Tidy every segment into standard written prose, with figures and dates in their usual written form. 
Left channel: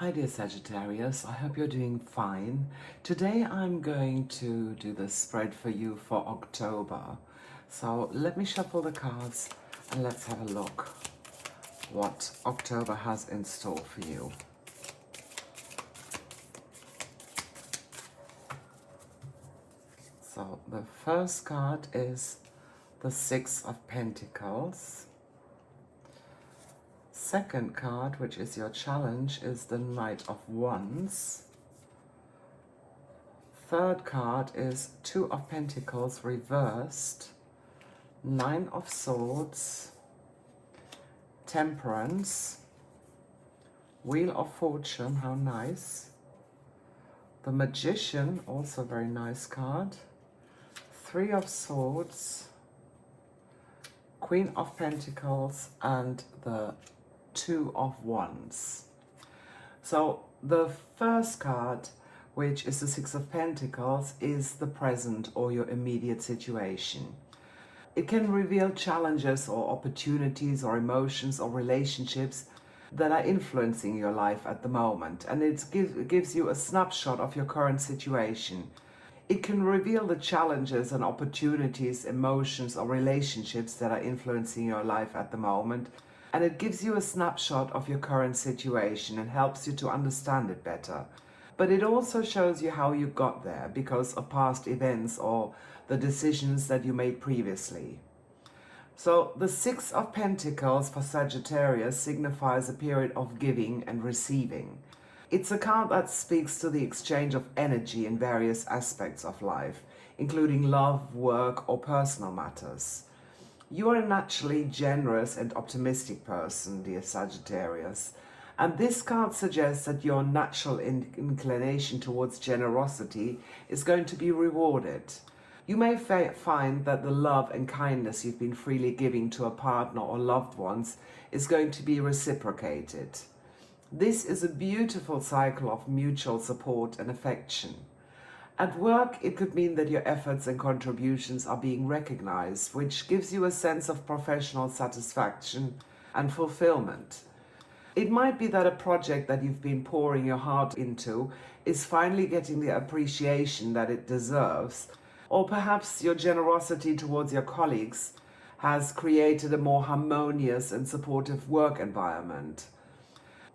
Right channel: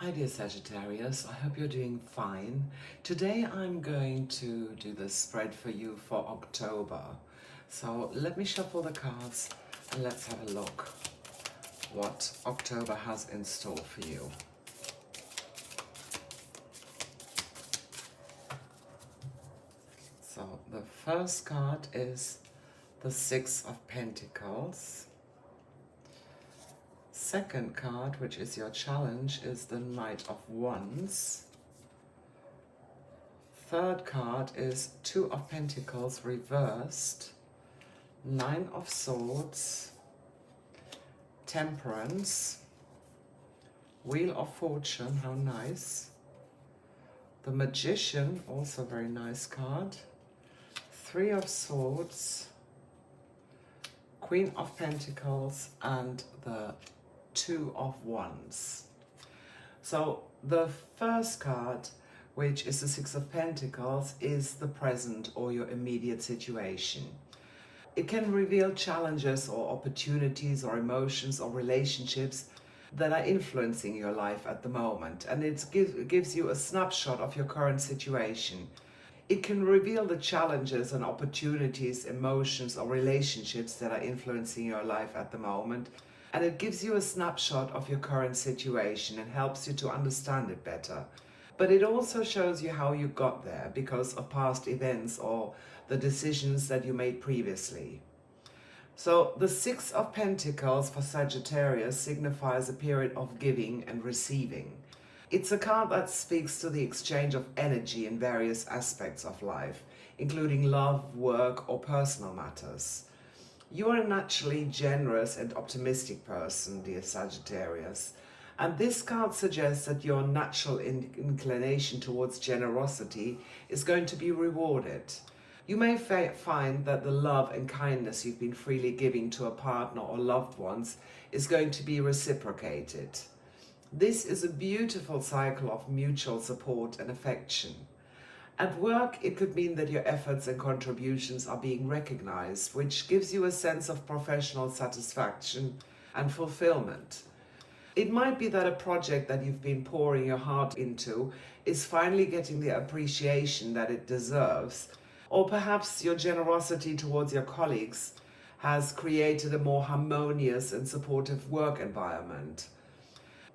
Hi dear Sagittarius, I hope you're doing fine. Today I'm going to do the spread for you for October. So let me shuffle the cards and let's have a look what October has in store for you. So the first card is the Six of Pentacles. Second card, which is your challenge, is the Knight of Wands. Third card is Two of Pentacles reversed, Nine of Swords, Temperance, Wheel of Fortune, how nice. The Magician, also very nice card. Three of Swords, Queen of Pentacles, and the Two of Wands. So the first card, which is the Six of Pentacles, is the present or your immediate situation. It can reveal challenges or opportunities or emotions or relationships that are influencing your life at the moment, and it gives you a snapshot of your current situation. It can reveal the challenges and opportunities, emotions or relationships that are influencing your life at the moment, and it gives you a snapshot of your current situation and helps you to understand it better. But it also shows you how you got there because of past events or the decisions that you made previously. So the Six of Pentacles for Sagittarius signifies a period of giving and receiving. It's a card that speaks to the exchange of energy in various aspects of life, including love, work, or personal matters. You are a naturally generous and optimistic person, dear Sagittarius, and this card suggests that your natural inclination towards generosity is going to be rewarded. You may find that the love and kindness you've been freely giving to a partner or loved ones is going to be reciprocated. This is a beautiful cycle of mutual support and affection. At work, it could mean that your efforts and contributions are being recognized, which gives you a sense of professional satisfaction and fulfillment. It might be that a project that you've been pouring your heart into is finally getting the appreciation that it deserves, or perhaps your generosity towards your colleagues has created a more harmonious and supportive work environment.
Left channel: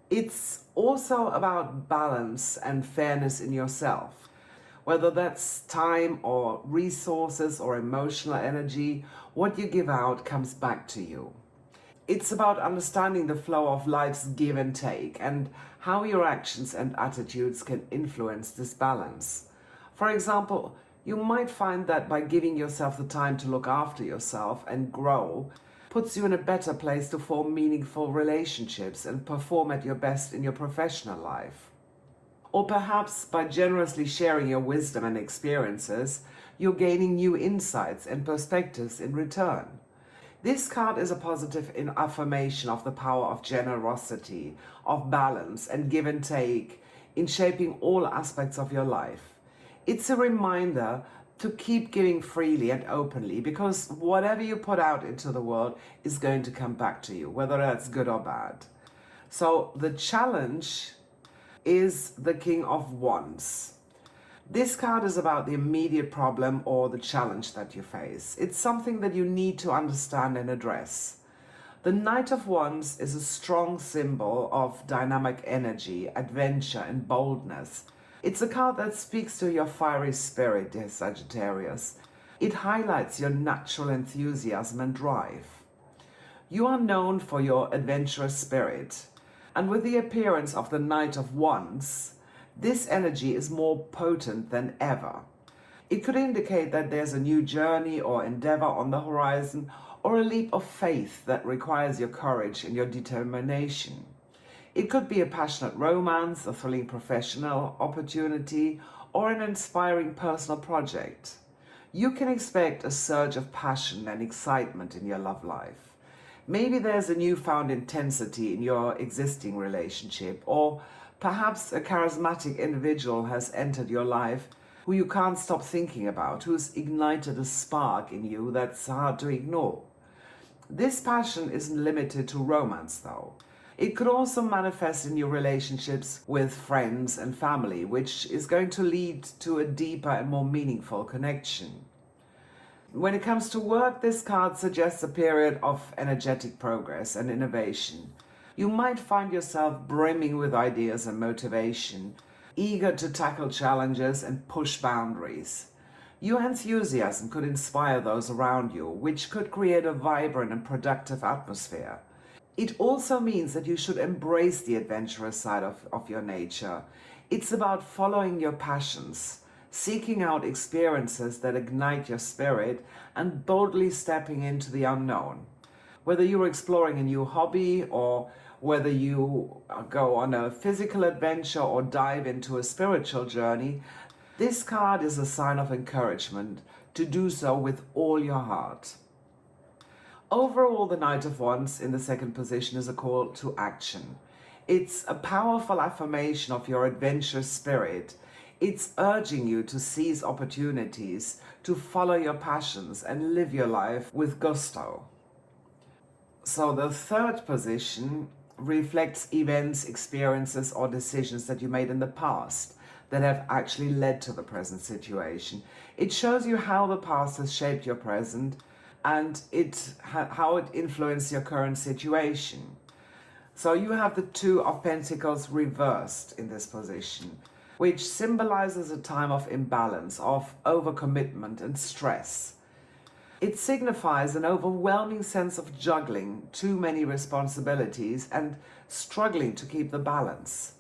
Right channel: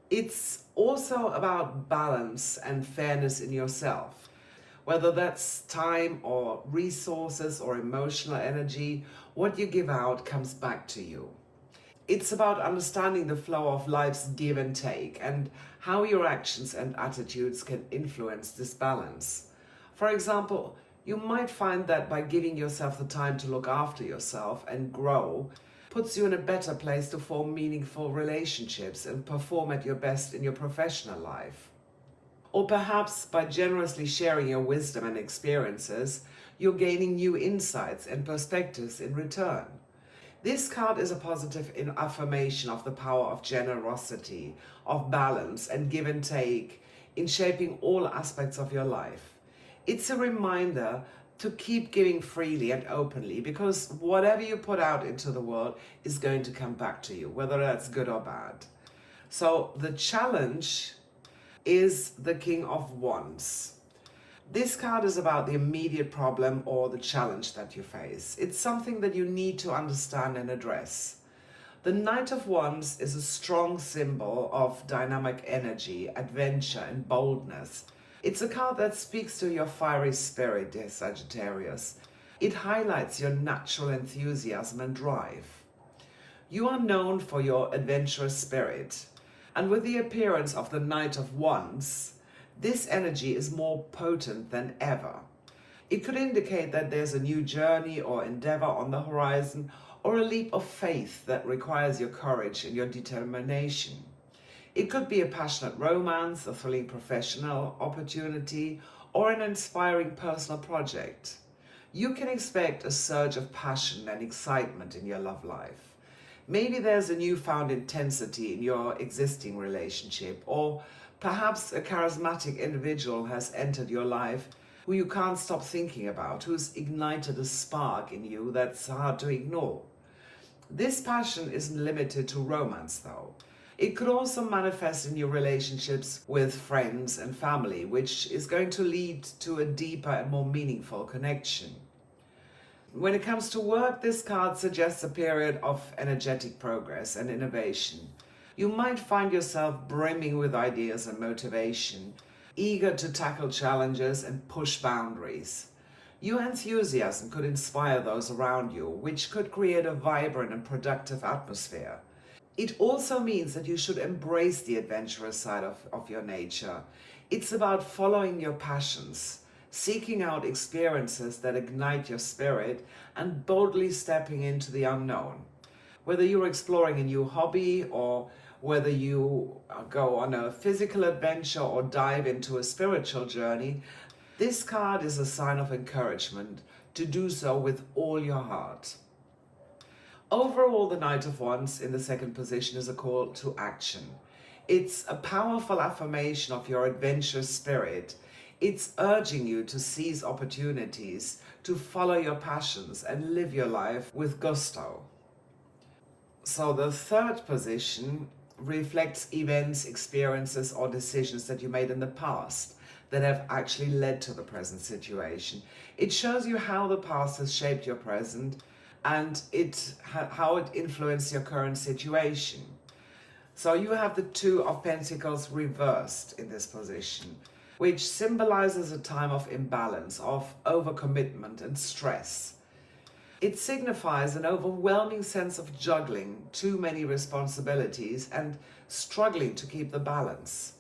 It's also about balance and fairness in yourself. Whether that's time or resources or emotional energy, what you give out comes back to you. It's about understanding the flow of life's give and take and how your actions and attitudes can influence this balance. For example, you might find that by giving yourself the time to look after yourself and grow, puts you in a better place to form meaningful relationships and perform at your best in your professional life. Or perhaps by generously sharing your wisdom and experiences, you're gaining new insights and perspectives in return. This card is a positive affirmation of the power of generosity, of balance and give and take in shaping all aspects of your life. It's a reminder to keep giving freely and openly, because whatever you put out into the world is going to come back to you, whether that's good or bad. So the challenge is the King of Wands. This card is about the immediate problem or the challenge that you face. It's something that you need to understand and address. The Knight of Wands is a strong symbol of dynamic energy, adventure, and boldness. It's a card that speaks to your fiery spirit, dear Sagittarius. It highlights your natural enthusiasm and drive. You are known for your adventurous spirit. And with the appearance of the Knight of Wands, this energy is more potent than ever. It could indicate that there's a new journey or endeavor on the horizon, or a leap of faith that requires your courage and your determination. It could be a passionate romance, a thrilling professional opportunity, or an inspiring personal project. You can expect a surge of passion and excitement in your love life. Maybe there's a newfound intensity in your existing relationship, or perhaps a charismatic individual has entered your life who you can't stop thinking about, who's ignited a spark in you that's hard to ignore. This passion isn't limited to romance, though. It could also manifest in your relationships with friends and family, which is going to lead to a deeper and more meaningful connection. When it comes to work, this card suggests a period of energetic progress and innovation. You might find yourself brimming with ideas and motivation, eager to tackle challenges and push boundaries. Your enthusiasm could inspire those around you, which could create a vibrant and productive atmosphere. It also means that you should embrace the adventurous side of your nature. It's about following your passions, seeking out experiences that ignite your spirit, and boldly stepping into the unknown. Whether you're exploring a new hobby, or whether you go on a physical adventure or dive into a spiritual journey, this card is a sign of encouragement to do so with all your heart. Overall, the Knight of Wands in the second position is a call to action. It's a powerful affirmation of your adventurous spirit. It's urging you to seize opportunities, to follow your passions and live your life with gusto. So the third position reflects events, experiences, or decisions that you made in the past that have actually led to the present situation. It shows you how the past has shaped your present and how it influenced your current situation. So you have the Two of Pentacles reversed in this position, which symbolizes a time of imbalance, of overcommitment and stress. It signifies an overwhelming sense of juggling too many responsibilities and struggling to keep the balance.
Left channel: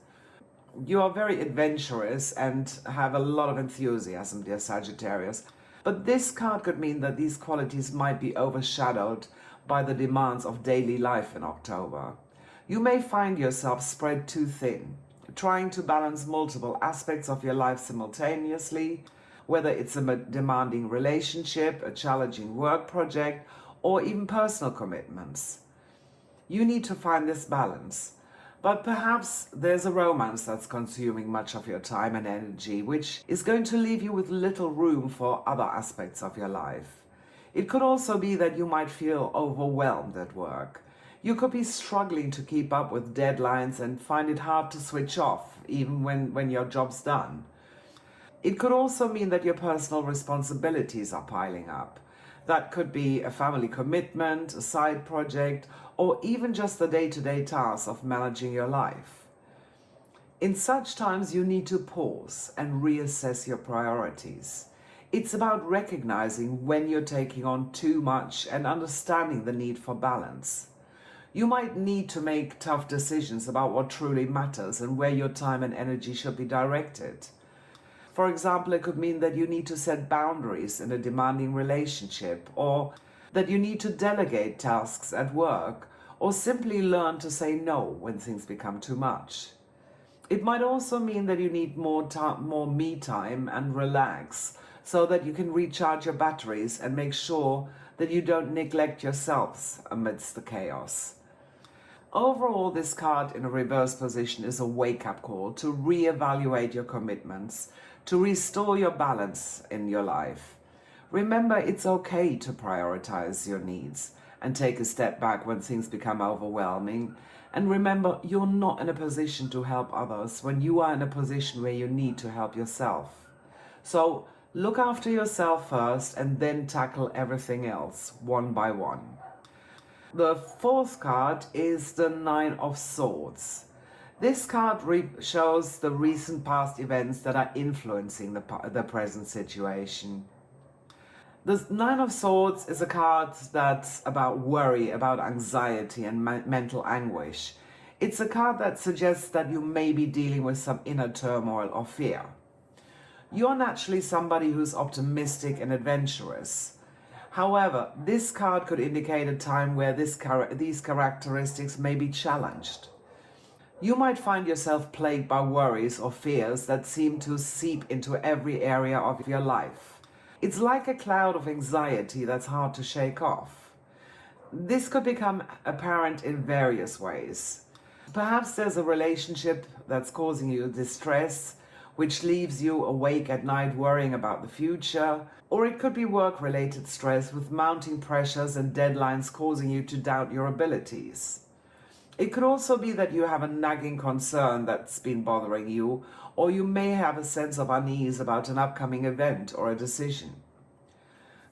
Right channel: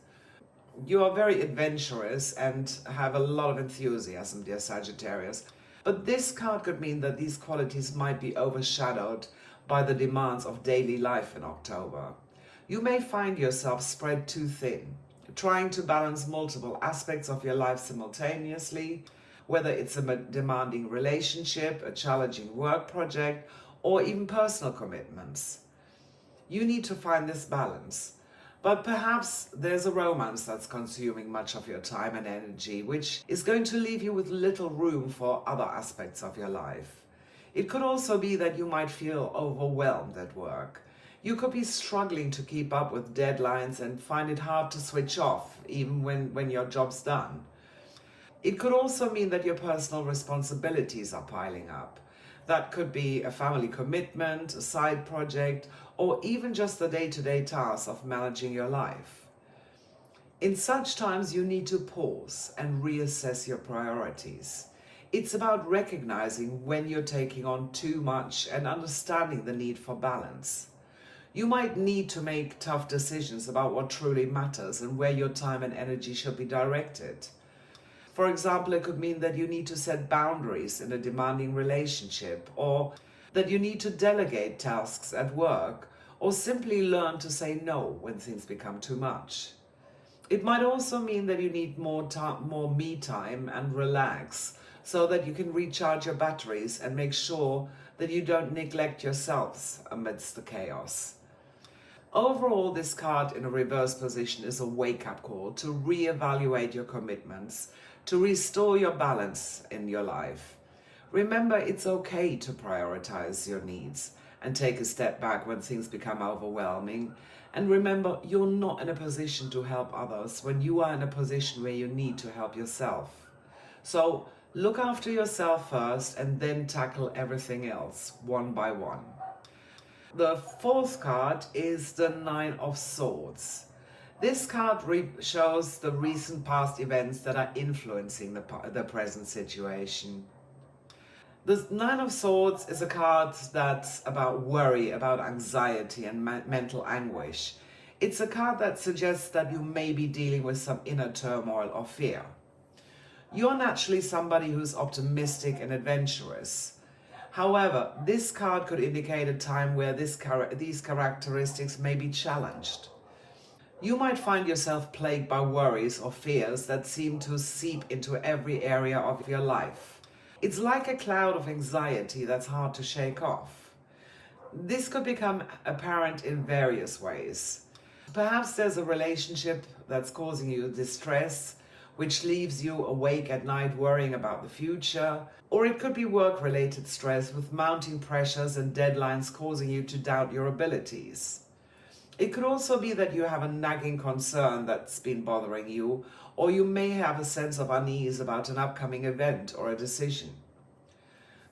You are very adventurous and have a lot of enthusiasm, dear Sagittarius, but this card could mean that these qualities might be overshadowed by the demands of daily life in October. You may find yourself spread too thin, trying to balance multiple aspects of your life simultaneously, whether it's a demanding relationship, a challenging work project, or even personal commitments. You need to find this balance. But perhaps there's a romance that's consuming much of your time and energy, which is going to leave you with little room for other aspects of your life. It could also be that you might feel overwhelmed at work. You could be struggling to keep up with deadlines and find it hard to switch off, even when your job's done. It could also mean that your personal responsibilities are piling up. That could be a family commitment, a side project, or even just the day-to-day tasks of managing your life. In such times, you need to pause and reassess your priorities. It's about recognizing when you're taking on too much and understanding the need for balance. You might need to make tough decisions about what truly matters and where your time and energy should be directed. For example, it could mean that you need to set boundaries in a demanding relationship, or that you need to delegate tasks at work, or simply learn to say no when things become too much. It might also mean that you need more me time and relax, so that you can recharge your batteries and make sure that you don't neglect yourselves amidst the chaos. Overall, this card in a reverse position is a wake-up call to reevaluate your commitments, to restore your balance in your life. Remember, it's okay to prioritize your needs and take a step back when things become overwhelming. And remember, you're not in a position to help others when you are in a position where you need to help yourself. So look after yourself first and then tackle everything else one by one. The fourth card is the Nine of Swords. This card shows the recent past events that are influencing the present situation. The Nine of Swords is a card that's about worry, about anxiety and mental anguish. It's a card that suggests that you may be dealing with some inner turmoil or fear. You're naturally somebody who's optimistic and adventurous. However, this card could indicate a time where these characteristics may be challenged. You might find yourself plagued by worries or fears that seem to seep into every area of your life. It's like a cloud of anxiety that's hard to shake off. This could become apparent in various ways. Perhaps there's a relationship that's causing you distress, which leaves you awake at night worrying about the future, or it could be work-related stress with mounting pressures and deadlines causing you to doubt your abilities. It could also be that you have a nagging concern that's been bothering you, or you may have a sense of unease about an upcoming event or a decision.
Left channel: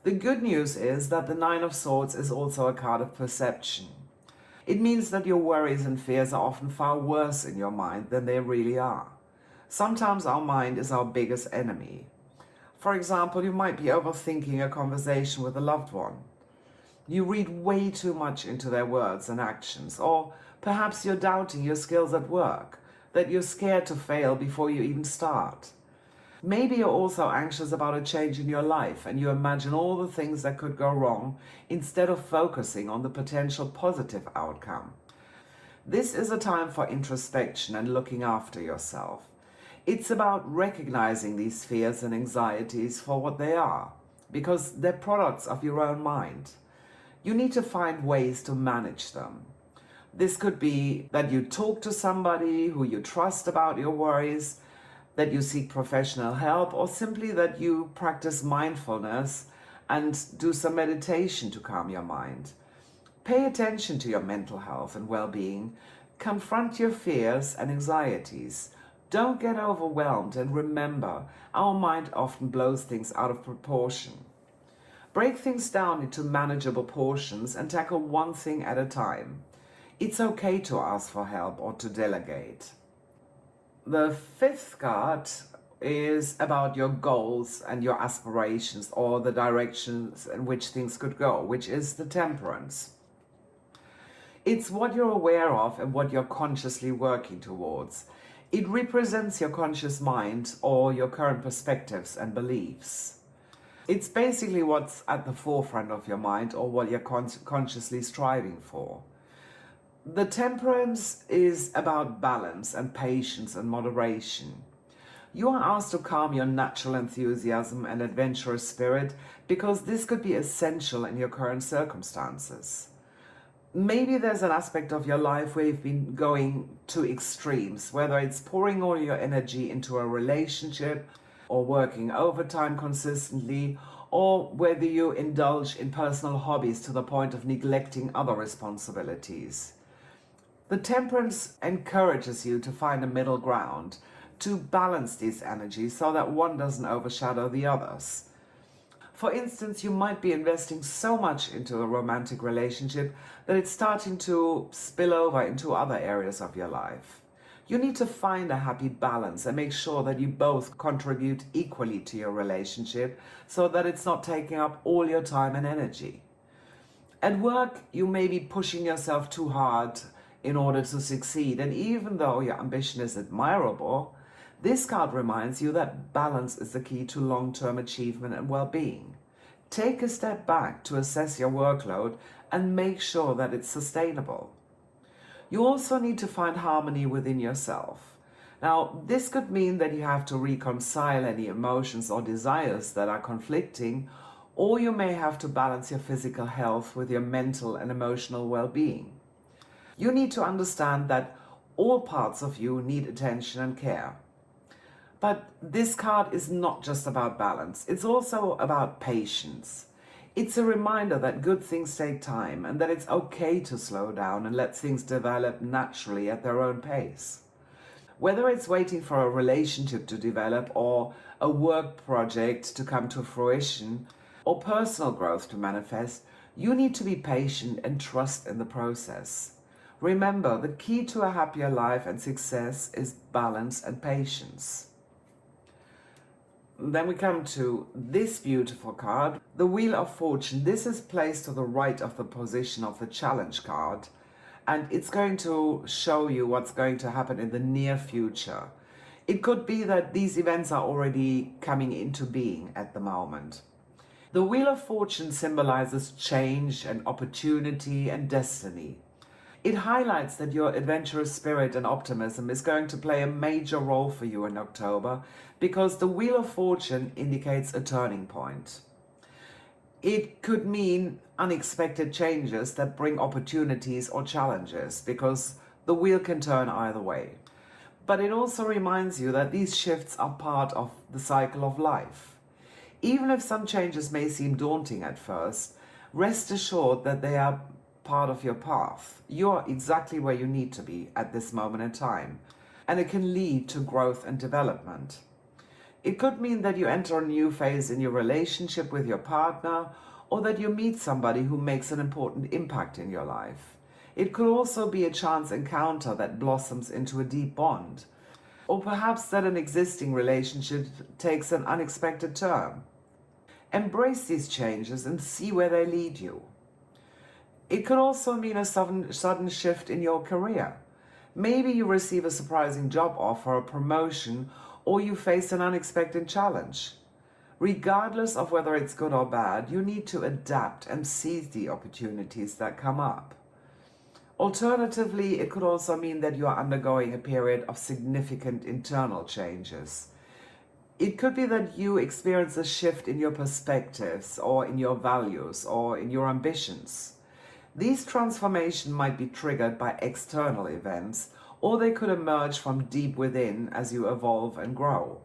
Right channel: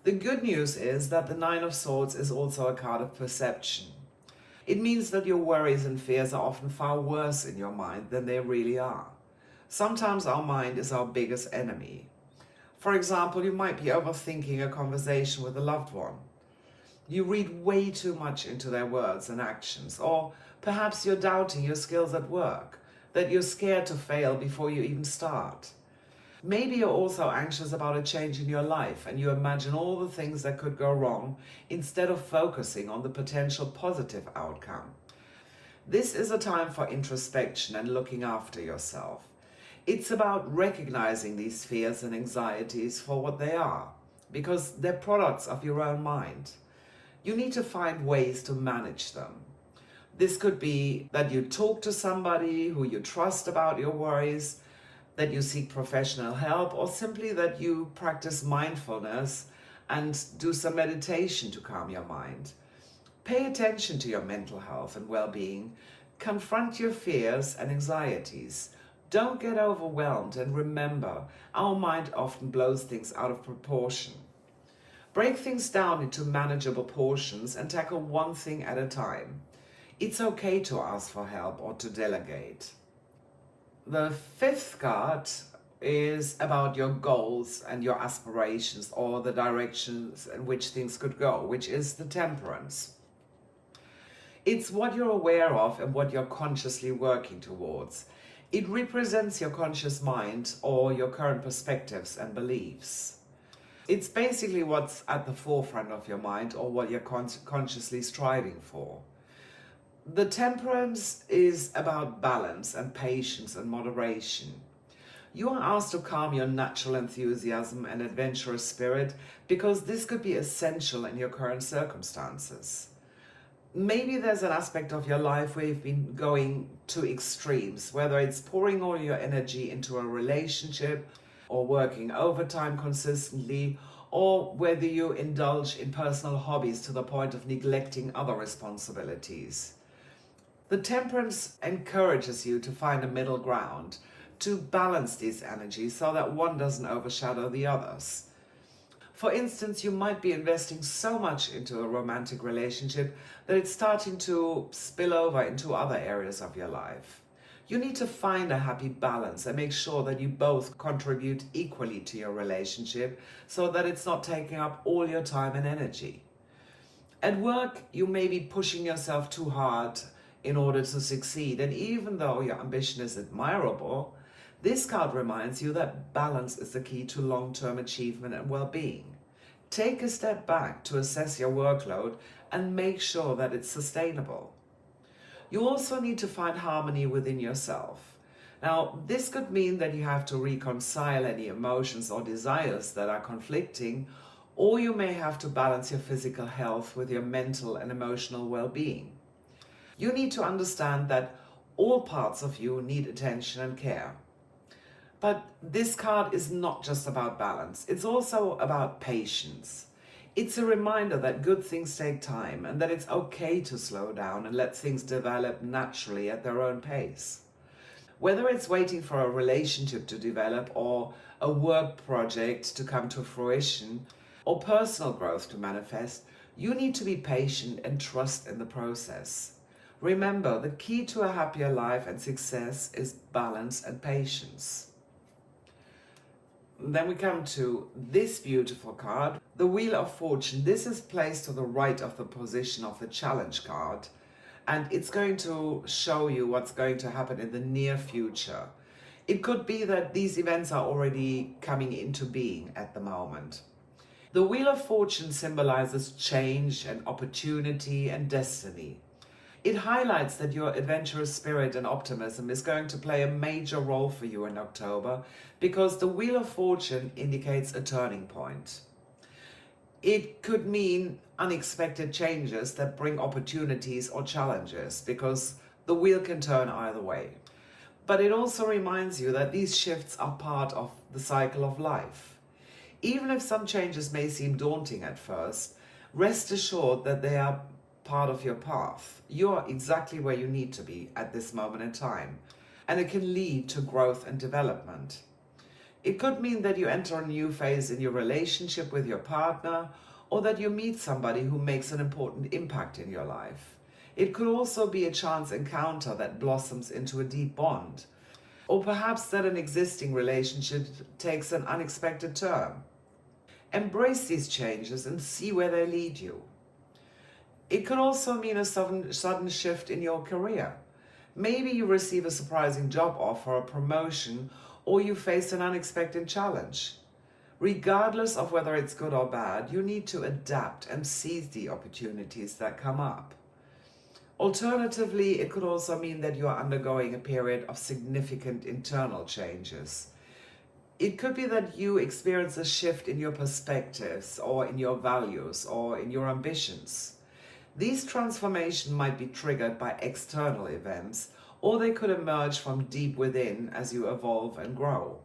The good news is that the Nine of Swords is also a card of perception. It means that your worries and fears are often far worse in your mind than they really are. Sometimes our mind is our biggest enemy. For example, you might be overthinking a conversation with a loved one. You read way too much into their words and actions, or perhaps you're doubting your skills at work, that you're scared to fail before you even start. Maybe you're also anxious about a change in your life and you imagine all the things that could go wrong instead of focusing on the potential positive outcome. This is a time for introspection and looking after yourself. It's about recognizing these fears and anxieties for what they are, because they're products of your own mind. You need to find ways to manage them. This could be that you talk to somebody who you trust about your worries, that you seek professional help, or simply that you practice mindfulness and do some meditation to calm your mind. Pay attention to your mental health and well-being. Confront your fears and anxieties. Don't get overwhelmed, and remember, our mind often blows things out of proportion. Break things down into manageable portions and tackle one thing at a time. It's okay to ask for help or to delegate. The fifth card is about your goals and your aspirations, or the directions in which things could go, which is the Temperance. It's what you're aware of and what you're consciously working towards. It represents your conscious mind or your current perspectives and beliefs. It's basically what's at the forefront of your mind or what you're consciously striving for. The Temperance is about balance and patience and moderation. You are asked to calm your natural enthusiasm and adventurous spirit because this could be essential in your current circumstances. Maybe there's an aspect of your life where you've been going to extremes, whether it's pouring all your energy into a relationship or working overtime consistently, or whether you indulge in personal hobbies to the point of neglecting other responsibilities. The Temperance encourages you to find a middle ground, to balance these energies so that one doesn't overshadow the others. For instance, you might be investing so much into a romantic relationship that it's starting to spill over into other areas of your life. You need to find a happy balance and make sure that you both contribute equally to your relationship so that it's not taking up all your time and energy. At work, you may be pushing yourself too hard in order to succeed, and even though your ambition is admirable, this card reminds you that balance is the key to long-term achievement and well-being. Take a step back to assess your workload and make sure that it's sustainable. You also need to find harmony within yourself. Now, this could mean that you have to reconcile any emotions or desires that are conflicting, or you may have to balance your physical health with your mental and emotional well-being. You need to understand that all parts of you need attention and care. But this card is not just about balance, it's also about patience. It's a reminder that good things take time and that it's okay to slow down and let things develop naturally at their own pace. Whether it's waiting for a relationship to develop, or a work project to come to fruition, or personal growth to manifest, you need to be patient and trust in the process. Remember, the key to a happier life and success is balance and patience. Then we come to this beautiful card, the Wheel of Fortune. This is placed to the right of the position of the Challenge card, and it's going to show you what's going to happen in the near future. It could be that these events are already coming into being at the moment. The Wheel of Fortune symbolizes change and opportunity and destiny. It highlights that your adventurous spirit and optimism is going to play a major role for you in October, because the Wheel of Fortune indicates a turning point. It could mean unexpected changes that bring opportunities or challenges, because the wheel can turn either way. But it also reminds you that these shifts are part of the cycle of life. Even if some changes may seem daunting at first, rest assured that they are part of your path. You're exactly where you need to be at this moment in time, and it can lead to growth and development. It could mean that you enter a new phase in your relationship with your partner, or that you meet somebody who makes an important impact in your life. It could also be a chance encounter that blossoms into a deep bond, or perhaps that an existing relationship takes an unexpected turn. Embrace these changes and see where they lead you. It could also mean a sudden shift in your career. Maybe you receive a surprising job offer, a promotion, or you face an unexpected challenge. Regardless of whether it's good or bad, you need to adapt and seize the opportunities that come up. Alternatively, it could also mean that you are undergoing a period of significant internal changes. It could be that you experience a shift in your perspectives, or in your values, or in your ambitions. These transformations might be triggered by external events, or they could emerge from deep within as you evolve and grow.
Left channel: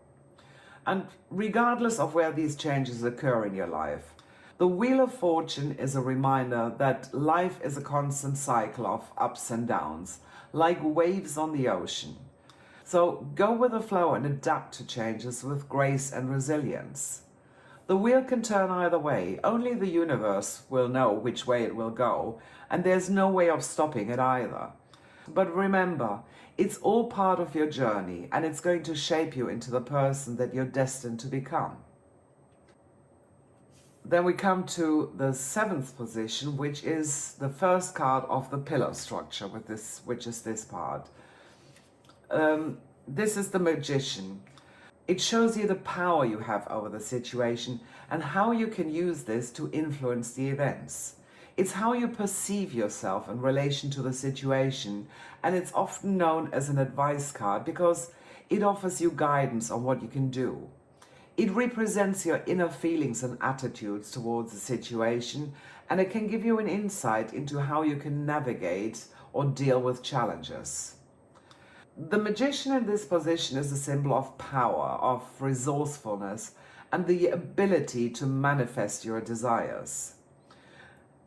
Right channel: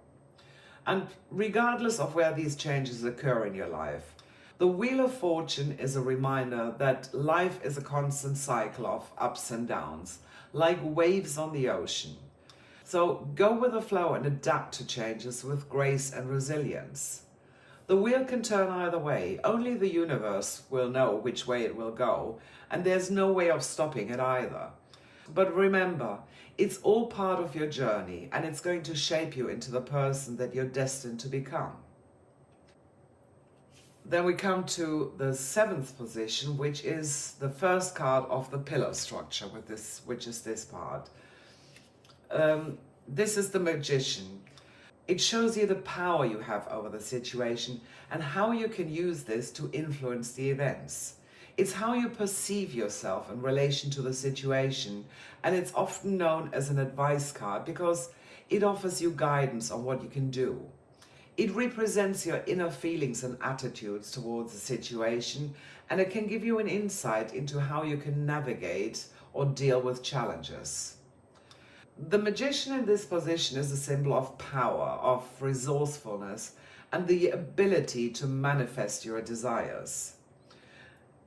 And regardless of where these changes occur in your life, the Wheel of Fortune is a reminder that life is a constant cycle of ups and downs, like waves on the ocean. So go with the flow and adapt to changes with grace and resilience. The wheel can turn either way. Only the universe will know which way it will go, and there's no way of stopping it either. But remember, it's all part of your journey, and it's going to shape you into the person that you're destined to become. Then we come to the 7th position, which is the first card of the pillar structure, which is this part. This is the Magician. It shows you the power you have over the situation and how you can use this to influence the events. It's how you perceive yourself in relation to the situation, and it's often known as an advice card because it offers you guidance on what you can do. It represents your inner feelings and attitudes towards the situation, and it can give you an insight into how you can navigate or deal with challenges. The Magician in this position is a symbol of power, of resourcefulness, and the ability to manifest your desires.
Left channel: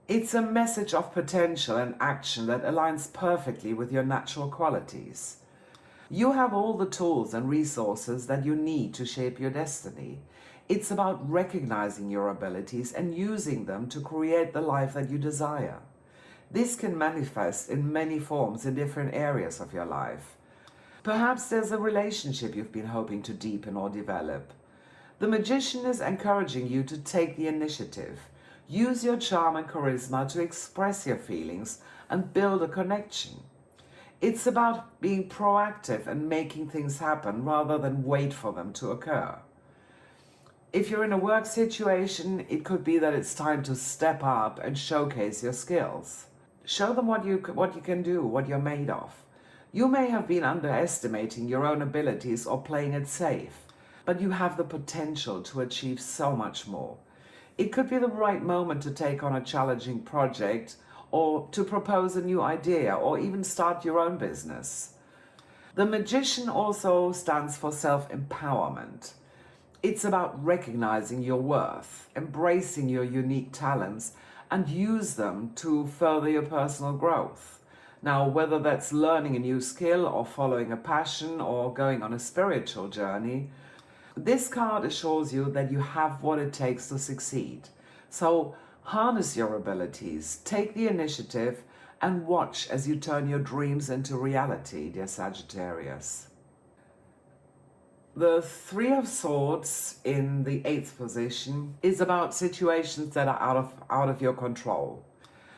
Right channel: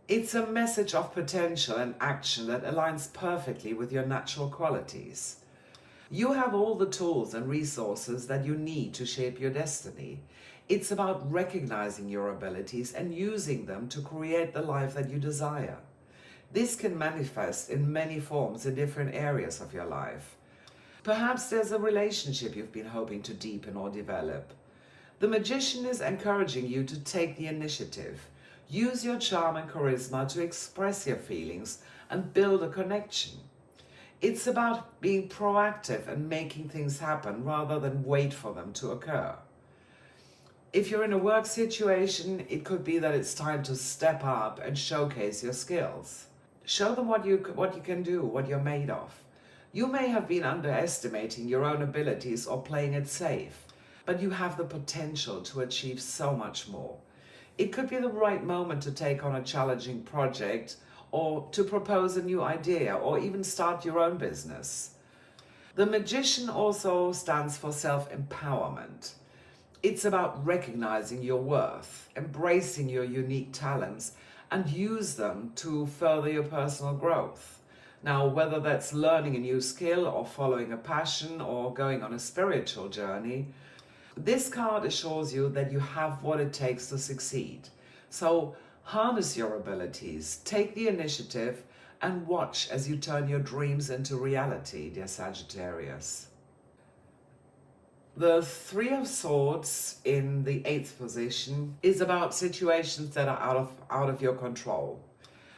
It's a message of potential and action that aligns perfectly with your natural qualities. You have all the tools and resources that you need to shape your destiny. It's about recognizing your abilities and using them to create the life that you desire. This can manifest in many forms in different areas of your life. Perhaps there's a relationship you've been hoping to deepen or develop. The Magician is encouraging you to take the initiative. Use your charm and charisma to express your feelings and build a connection. It's about being proactive and making things happen rather than wait for them to occur. If you're in a work situation, it could be that it's time to step up and showcase your skills. Show them what you can do, what you're made of. You may have been underestimating your own abilities or playing it safe, but you have the potential to achieve so much more. It could be the right moment to take on a challenging project, or to propose a new idea, or even start your own business. The Magician also stands for self-empowerment. It's about recognizing your worth, embracing your unique talents, and use them to further your personal growth. Now, whether that's learning a new skill or following a passion or going on a spiritual journey, this card assures you that you have what it takes to succeed. So harness your abilities, take the initiative, and watch as you turn your dreams into reality, dear Sagittarius. The 3 of Swords in the 8th position is about situations that are out of your control.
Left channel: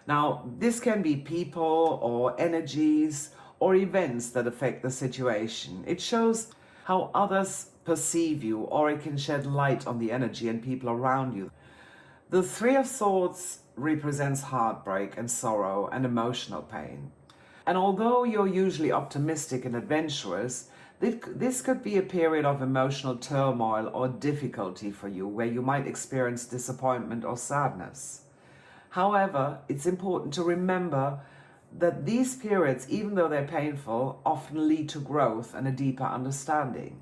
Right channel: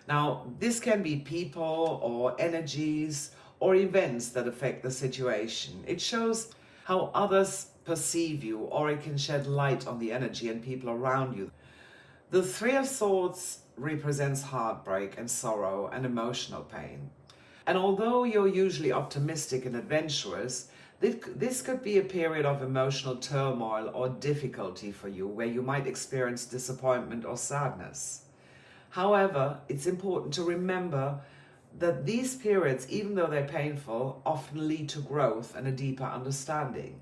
Now, this can be people or energies or events that affect the situation. It shows how others perceive you, or it can shed light on the energy and people around you. The 3 of Swords represents heartbreak and sorrow and emotional pain. And although you're usually optimistic and adventurous, this could be a period of emotional turmoil or difficulty for you, where you might experience disappointment or sadness. However, it's important to remember that these periods, even though they're painful, often lead to growth and a deeper understanding.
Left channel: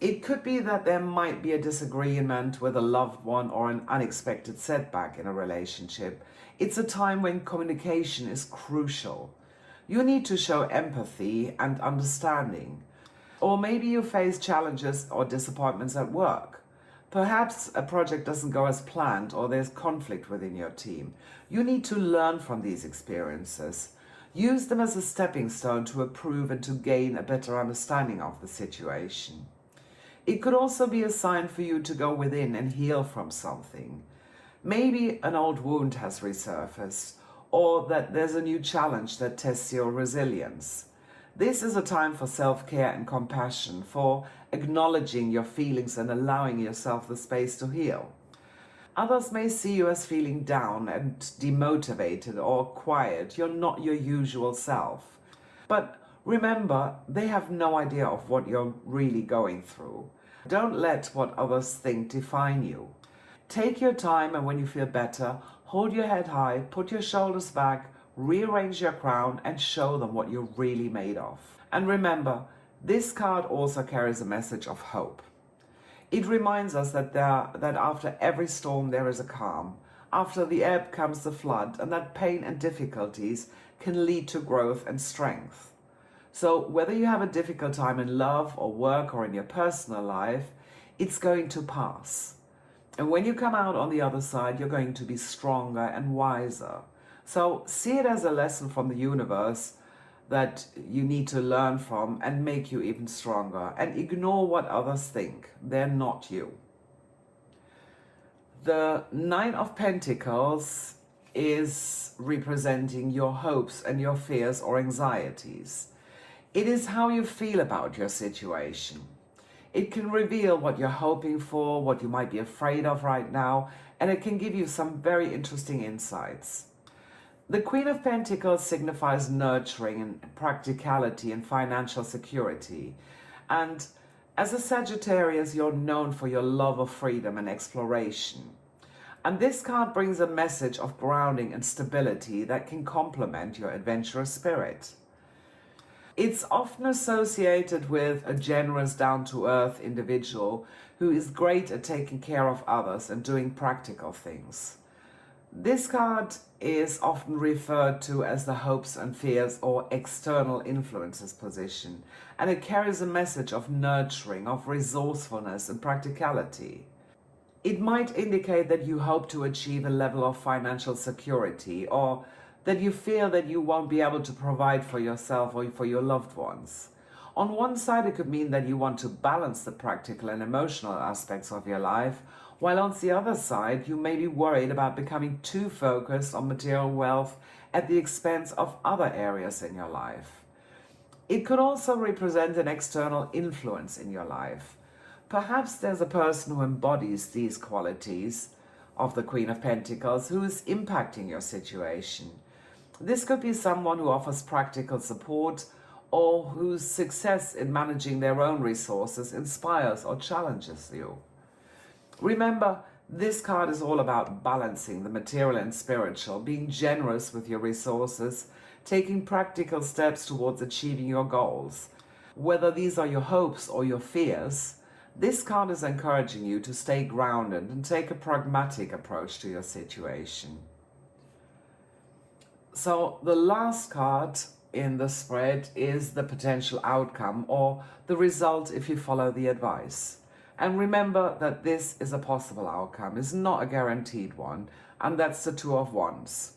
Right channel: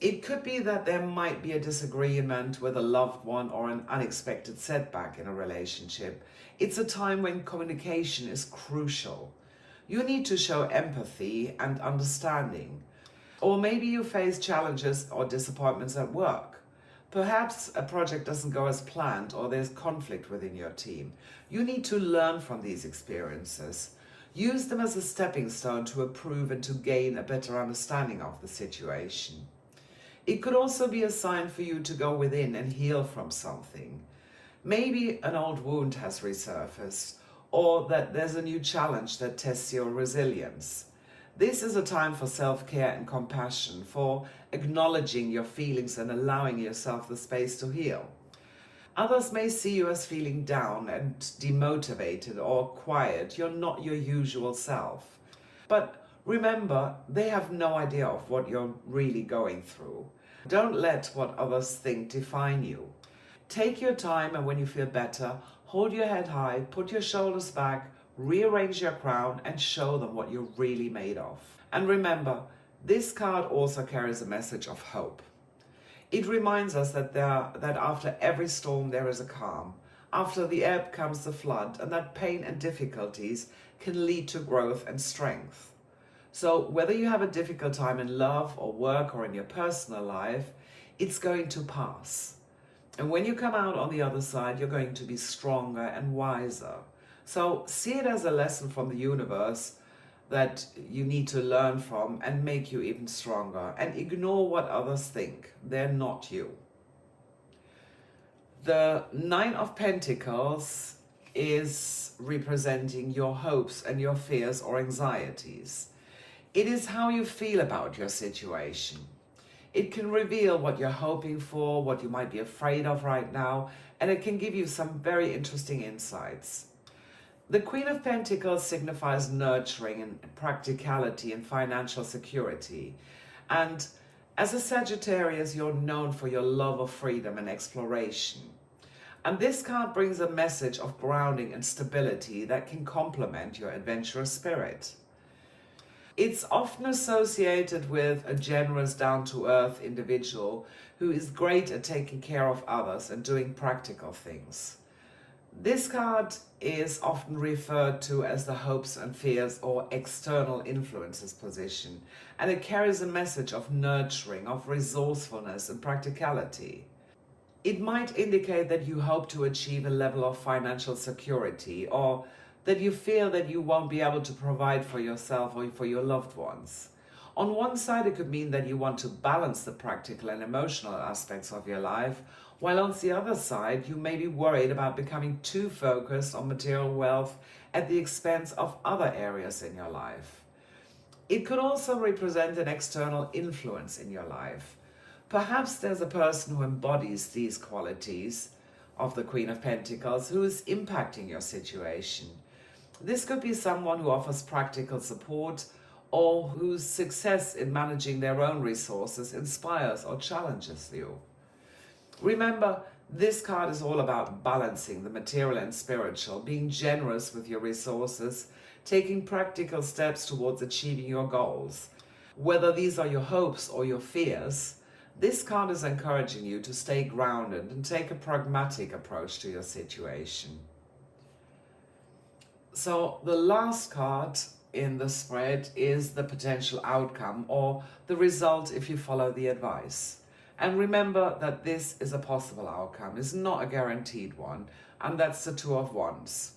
It could be that there might be a disagreement with a loved one or an unexpected setback in a relationship. It's a time when communication is crucial. You need to show empathy and understanding. Or maybe you face challenges or disappointments at work. Perhaps a project doesn't go as planned or there's conflict within your team. You need to learn from these experiences. Use them as a stepping stone to improve and to gain a better understanding of the situation. It could also be a sign for you to go within and heal from something. Maybe an old wound has resurfaced, or that there's a new challenge that tests your resilience. This is a time for self-care and compassion, for acknowledging your feelings and allowing yourself the space to heal. Others may see you as feeling down and demotivated or quiet. You're not your usual self. But remember, they have no idea of what you're really going through. Don't let what others think define you. Take your time, and when you feel better, hold your head high, put your shoulders back, rearrange your crown, and show them what you're really made of. And remember, this card also carries a message of hope. It reminds us that after every storm there is a calm. After the ebb comes the flood, and that pain and difficulties can lead to growth and strength. So whether you have a difficult time in love or work or in your personal life, it's going to pass. And when you come out on the other side, you're going to be stronger and wiser. So see it as a lesson from the universe that you need to learn from and make you even stronger. And ignore what others think. They're not you. The Nine of Pentacles is representing your hopes and your fears or anxieties. It is how you feel about your situation. It can reveal what you're hoping for, what you might be afraid of right now, and it can give you some very interesting insights. The Queen of Pentacles signifies nurturing and practicality and financial security. And as a Sagittarius, you're known for your love of freedom and exploration. And this card brings a message of grounding and stability that can complement your adventurous spirit. It's often associated with a generous, down-to-earth individual who is great at taking care of others and doing practical things. This card is often referred to as the hopes and fears or external influences position, and it carries a message of nurturing, of resourcefulness and practicality. It might indicate that you hope to achieve a level of financial security, or that you feel that you won't be able to provide for yourself or for your loved ones. On one side, it could mean that you want to balance the practical and emotional aspects of your life, while on the other side, you may be worried about becoming too focused on material wealth at the expense of other areas in your life. It could also represent an external influence in your life. Perhaps there's a person who embodies these qualities of the Queen of Pentacles who is impacting your situation. This could be someone who offers practical support or whose success in managing their own resources inspires or challenges you. Remember, this card is all about balancing the material and spiritual, being generous with your resources, taking practical steps towards achieving your goals. Whether these are your hopes or your fears, this card is encouraging you to stay grounded and take a pragmatic approach to your situation. So the last card in the spread is the potential outcome or the result if you follow the advice. And remember that this is a possible outcome, it's not a guaranteed one, and that's the Two of Wands.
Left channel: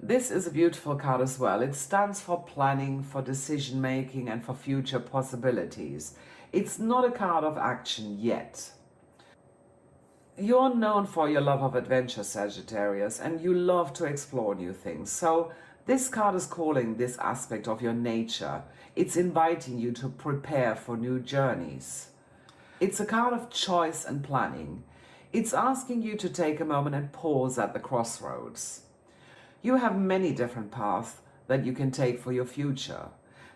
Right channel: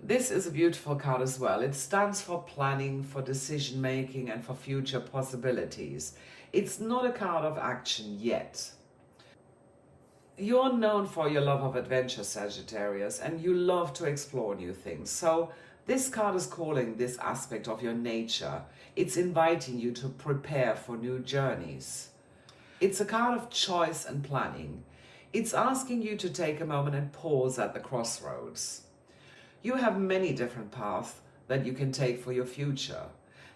This is a beautiful card as well. It stands for planning, for decision making, and for future possibilities. It's not a card of action yet. You're known for your love of adventure, Sagittarius, and you love to explore new things. So this card is calling this aspect of your nature. It's inviting you to prepare for new journeys. It's a card of choice and planning. It's asking you to take a moment and pause at the crossroads. You have many different paths that you can take for your future.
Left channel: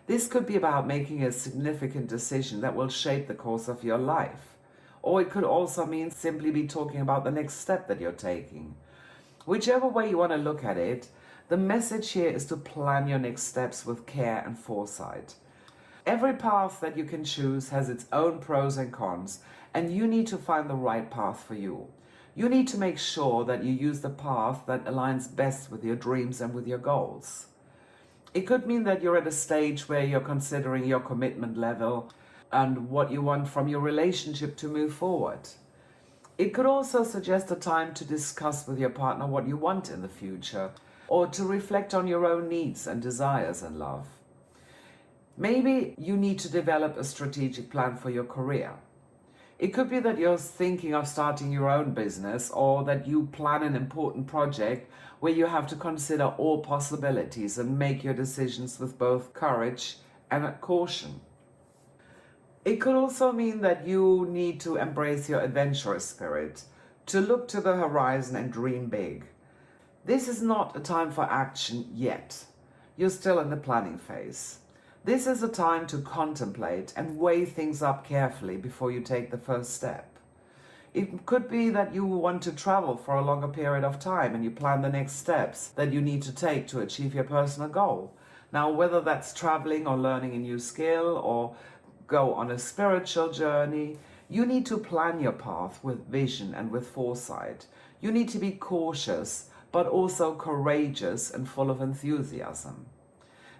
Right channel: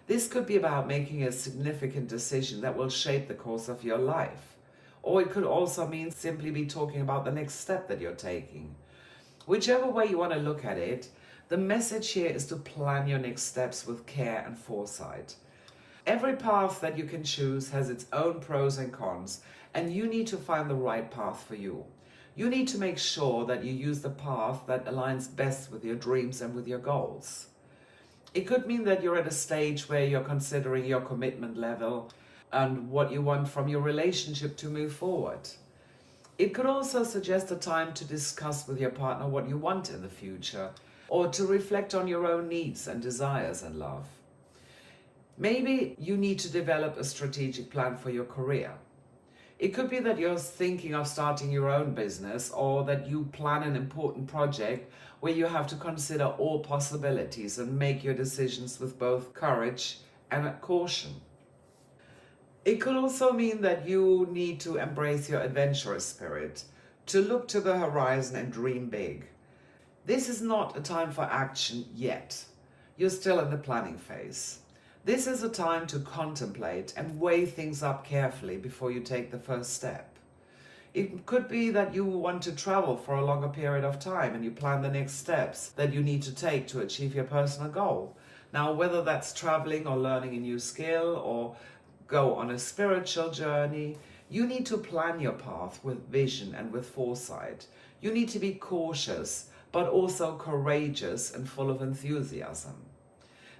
This could be about making a significant decision that will shape the course of your life. Or it could also mean simply be talking about the next step that you're taking. Whichever way you want to look at it, the message here is to plan your next steps with care and foresight. Every path that you can choose has its own pros and cons, and you need to find the right path for you. You need to make sure that you use the path that aligns best with your dreams and with your goals. It could mean that you're at a stage where you're considering your commitment level and what you want from your relationship to move forward. It could also suggest a time to discuss with your partner what you want in the future, or to reflect on your own needs and desires in love. Maybe you need to develop a strategic plan for your career. It could be that you're thinking of starting your own business, or that you plan an important project where you have to consider all possibilities and make your decisions with both courage and caution. It could also mean that you need to embrace your adventurous spirit, to look to the horizon and dream big. This is not a time for action yet. You're still in the planning phase. This is a time to contemplate and weigh things up carefully before you take the first step. It could be that you want to travel for a longer period of time and you plan the next steps that you need to take to achieve your personal goal. Now, whether that's traveling or learning a new skill or go on a spiritual journey, you need to plan your path with vision and with foresight. You need to be cautious, but also courageous and full of enthusiasm.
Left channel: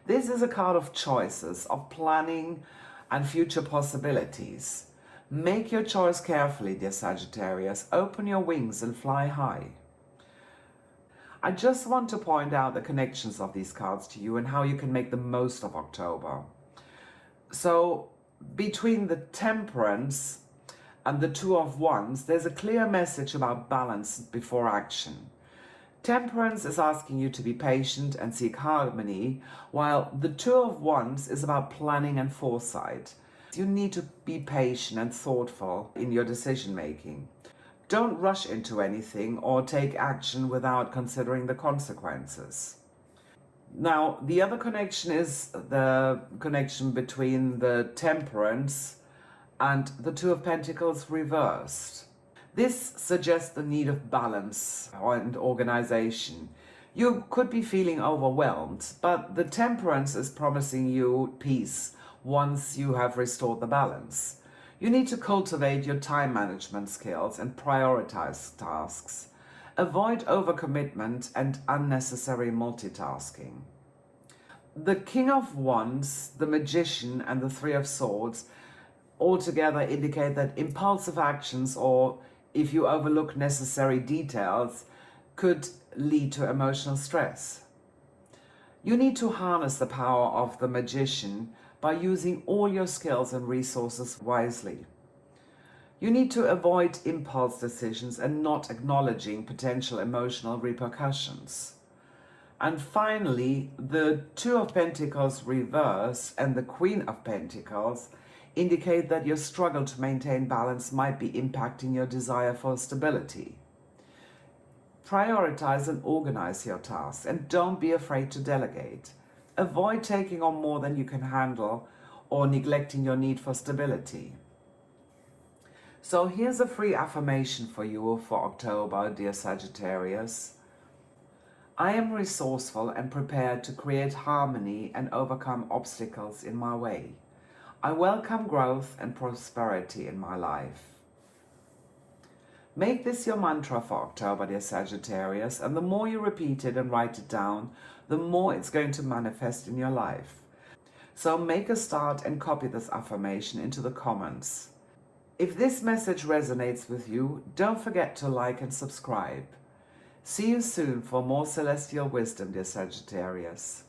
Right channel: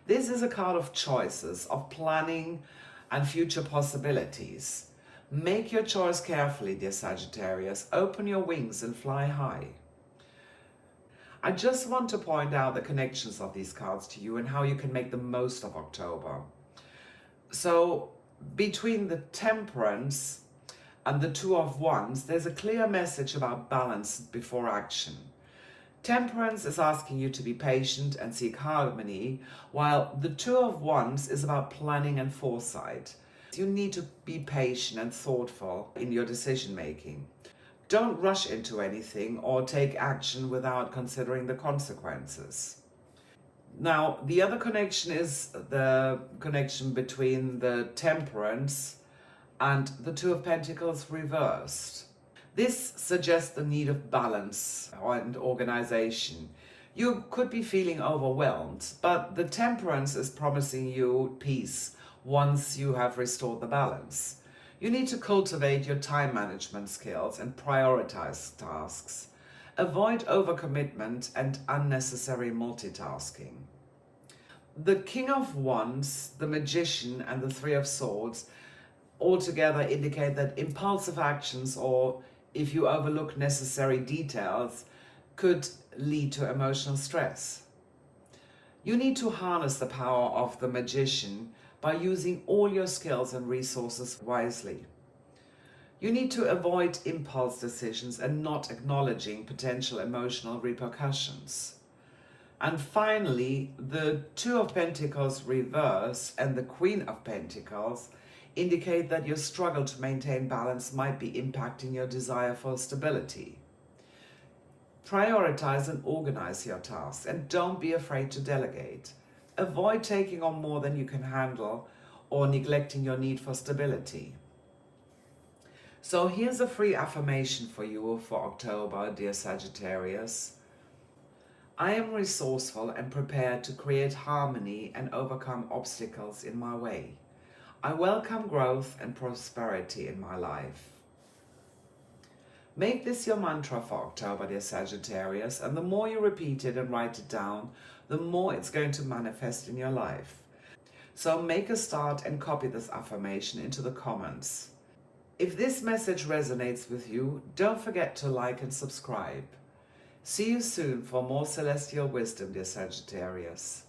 This is a card of choices, of planning and future possibilities. Make your choice carefully, dear Sagittarius. Open your wings and fly high. I just want to point out the connections of these cards to you and how you can make the most of October. So, between the Temperance and the Two of Wands, there's a clear message about balance before action. Temperance is asking you to be patient and seek harmony, while the Two of Wands is about planning and foresight. You need to be patient and thoughtful in your decision making. Don't rush into anything or take action without considering the consequences. Now, the other connection is the connection between the Temperance and the Two of Pentacles reversed. This suggests the need of balance and organization. You could be feeling overwhelmed, but the Temperance is promising you peace once you have restored the balance. You need to cultivate your time management skills and prioritize tasks. Avoid overcommitment and unnecessary multitasking. The King of Wands, the Magician, and the Three of Swords altogether indicate that impulsive actions, or if you overlook necessary details, could lead to emotional stress. You need to harness the power of the Magician by using all your skills and resources wisely. You need to avoid impulse decisions and not acknowledging potential emotional repercussions. And finally, the Two of Pentacles reverse and the Queen of Pentacles indicate that your struggle to maintain balance might be impacting your desire for stability. Prioritize and organize your tasks, and don't be afraid to delegate. Avoid taking on more than you can handle or neglecting your need for stability. So here's a free affirmation for you for October, dear Sagittarius. I am resourceful and prepared to create harmony and overcome obstacles in my way. I welcome growth and prosperity in my life. Make this your mantra for October, dear Sagittarius, and the more you repeat it and write it down, the more it's going to manifest in your life. So make a start and copy this affirmation into the comments. If this message resonates with you, don't forget to like and subscribe. See you soon for more celestial wisdom, dear Sagittarius.